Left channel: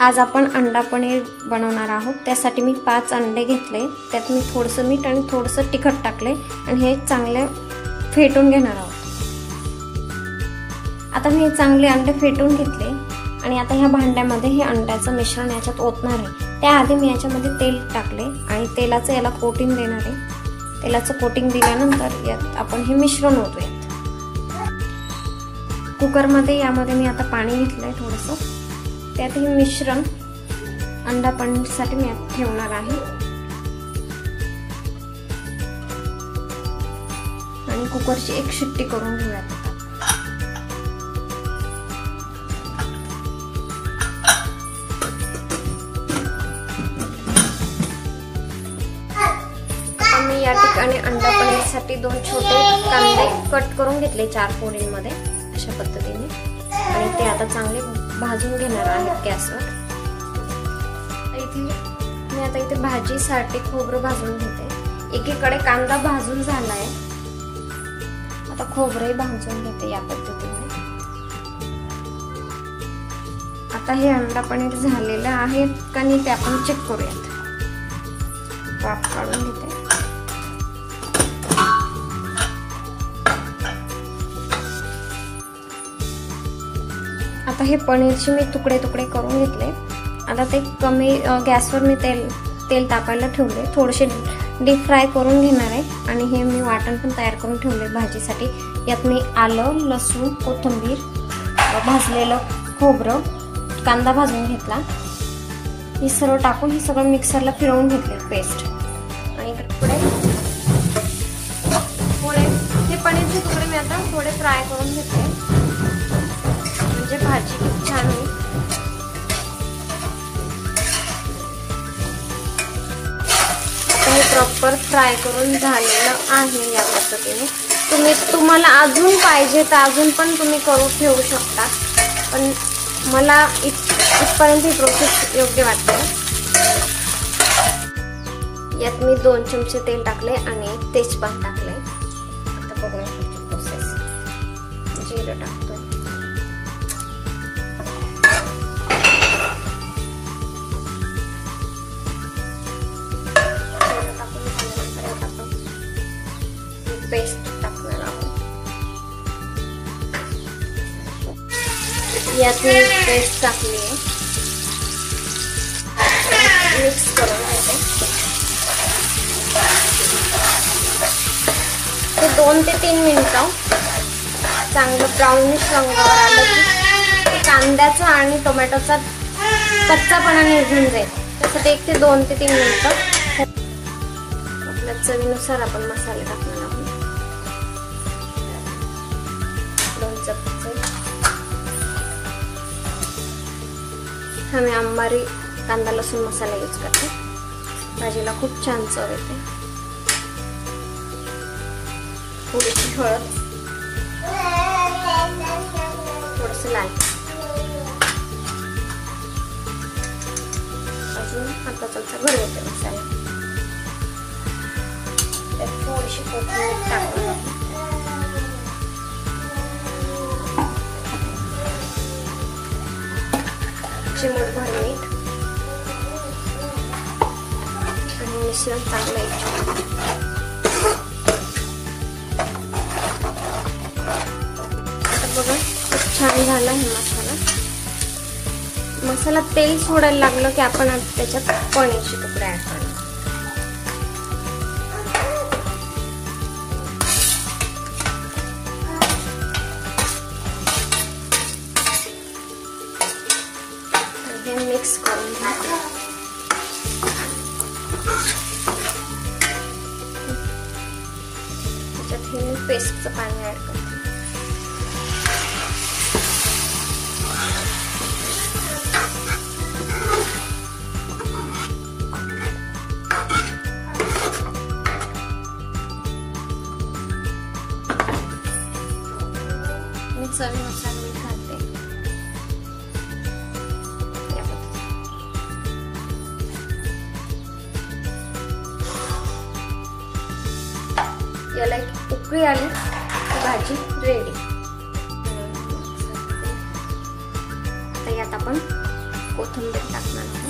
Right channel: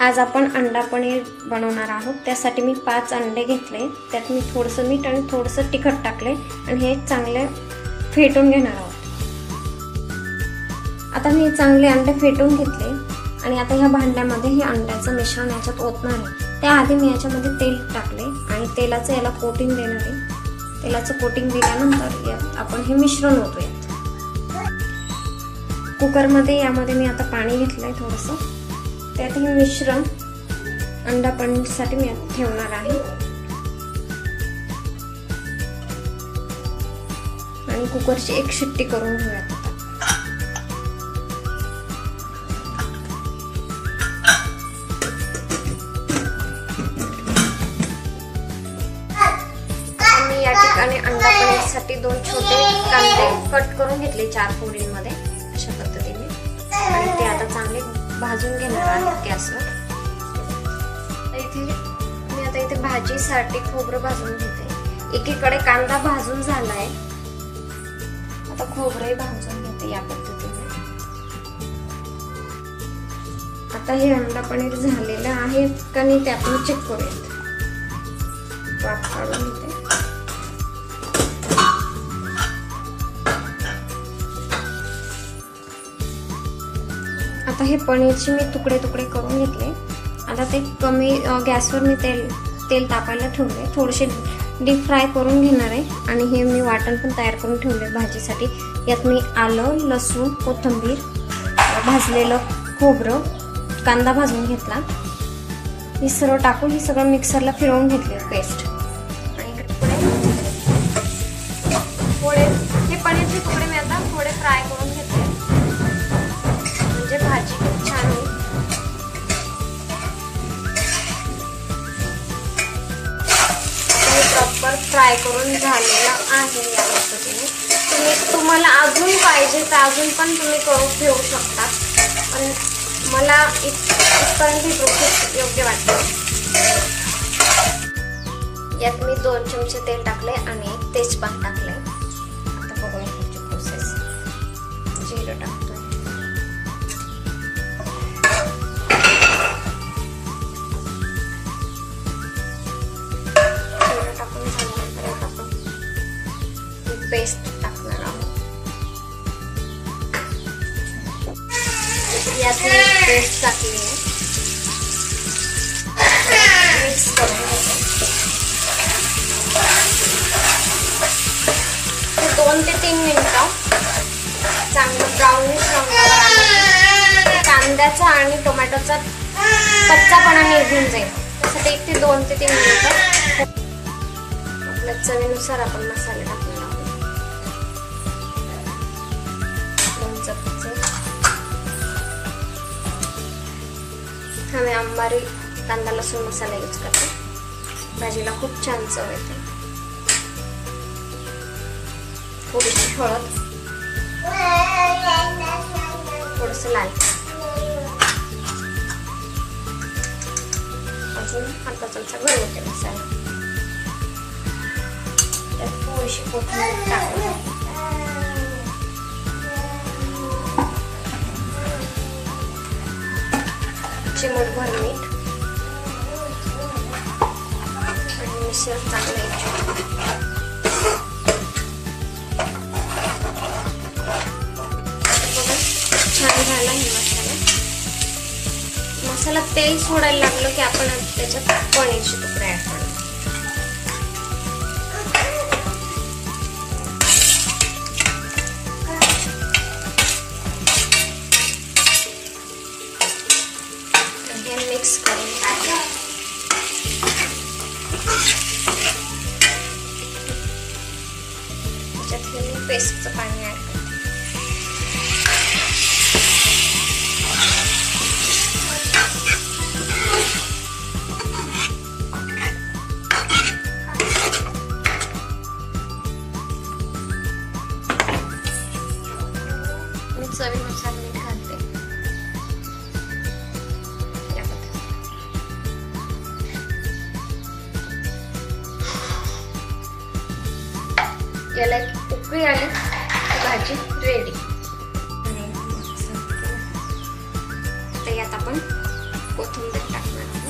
आज आपण अंडा पनीर बनवणार आहोत। त्यासाठी मी 5 अंडे घेतले, त्यात मी थोडंसं मीठ आणि थोडंसं तिखट टाकले आणि हे चांगले फेटून घेणार आहोत। आता मी चांगले अंडे फेटून घेतले आणि आता ह्या भांड्यामध्ये हे अंड्याचं मिश्रण याच्यात ओतणार आहे। त्याआधी मी याच्यामध्ये तेल टाकले आणि तेलाचं याला कोटिंग देणार आहे। तेलाचं कोटिंग दिल्यानंतर यात आपण हे मिश्रण ओतूयात। कुकरमध्ये यामध्ये मी आता पाणी घेतलंय थोडंसं, त्यात हे मिश्रण अंडा पनीरसाठी मी ठेवणार आहे आणि कुकरची एक शिट्टी करून घेऊया। मी या ठिकाणी अंडा पनीरसाठी 2 छोटे कांदे कट करून घेतले 4 फोडींमध्ये अशा पद्धतीने, आणि ते आता चांगले भाजून घेणार आहे गॅसवर। इथे भाजीसाठी खोबरं भाजून घेते। एकीकडे कांदा भाजून झालाय, आता खोबरंही भाजून घेते या पद्धतीने। आता हे अंडा पनीर झालेलं आहे का नाही ते आपण चेक करूयात। वाफ काढून घेते। आता हे पनीरचे मी तुकडे तुकडे करून घेतले। आता ते कमी गॅसवर मी तेल तापायला ठेवले, थोडेसे डीप फ्राय करून घेणार आहे आणि हे मी वाटण पण तयार करून ठेवले भाजीसाठी। यात मी आलं, लसूण, कोथिंबीर, भाजलेलं खोबरं, कांदा भाजून घेतला, हे सर्व टाकून हे सगळं मिक्सरला फिरवून घेतले पेस्ट। आणि थोडे हे पनीरचे तुकडे मी आता थोडे फ्राय करून घेतले, म्हणजे भाजी खूप छान होईल। प्रॉपर फ्राय करून झालेलं आहे या पद्धतीने। तुम्हाला अजून पाहिजे तर अजून पण तुम्ही करून ठेवू शकता, पण मला इथपर्यंत ही प्रोसेस योग्य वाटते। यात मी 2 चमचे तेल टाकले आणि तेजपात टाकले। आता बघूया पुढची प्रोसेस। जिरं टाकतो, पेस्ट टाकणार आहोत। यात मी पेस्ट टाकली, मिक्स करून घेते। ते 2 ते 3 मिनिटं चांगलं ब्राउनिश रंगावर आलं की कांद्याचा आणि टोमॅटोचा कच्चापणा निघून जाईल। त्यासाठी 1 ते 2 ते 3 मिनिटं आपल्या चवीनुसार आपण मसाले टाकणार आहोत। आम्ही अंबारी कांदा लसूण मसाला यूज करतो, भाजीला खूप छान चव येते। थोडीशी हळद, थोडंसं लाल, अजून अर्धा चमचा घरगुती मसाला, थोडीशी कोथिंबीर टाकून चिमूटभर मीठ आणि मिश्रण चांगलं बघा छान झाला हे मसाला। तेल सोडायला लागलं की आपण त्याच्यात पनीरचे तुकडे ऍड करणार। मिक्स करून त्याच्यात मी पेस्टचं पाणी ऍड करते। मी चवीनुसार मीठ घालते। याला एक उकळी आली की भाजी रेडी। यात आपण कोथिंबीर टाकणार आहे.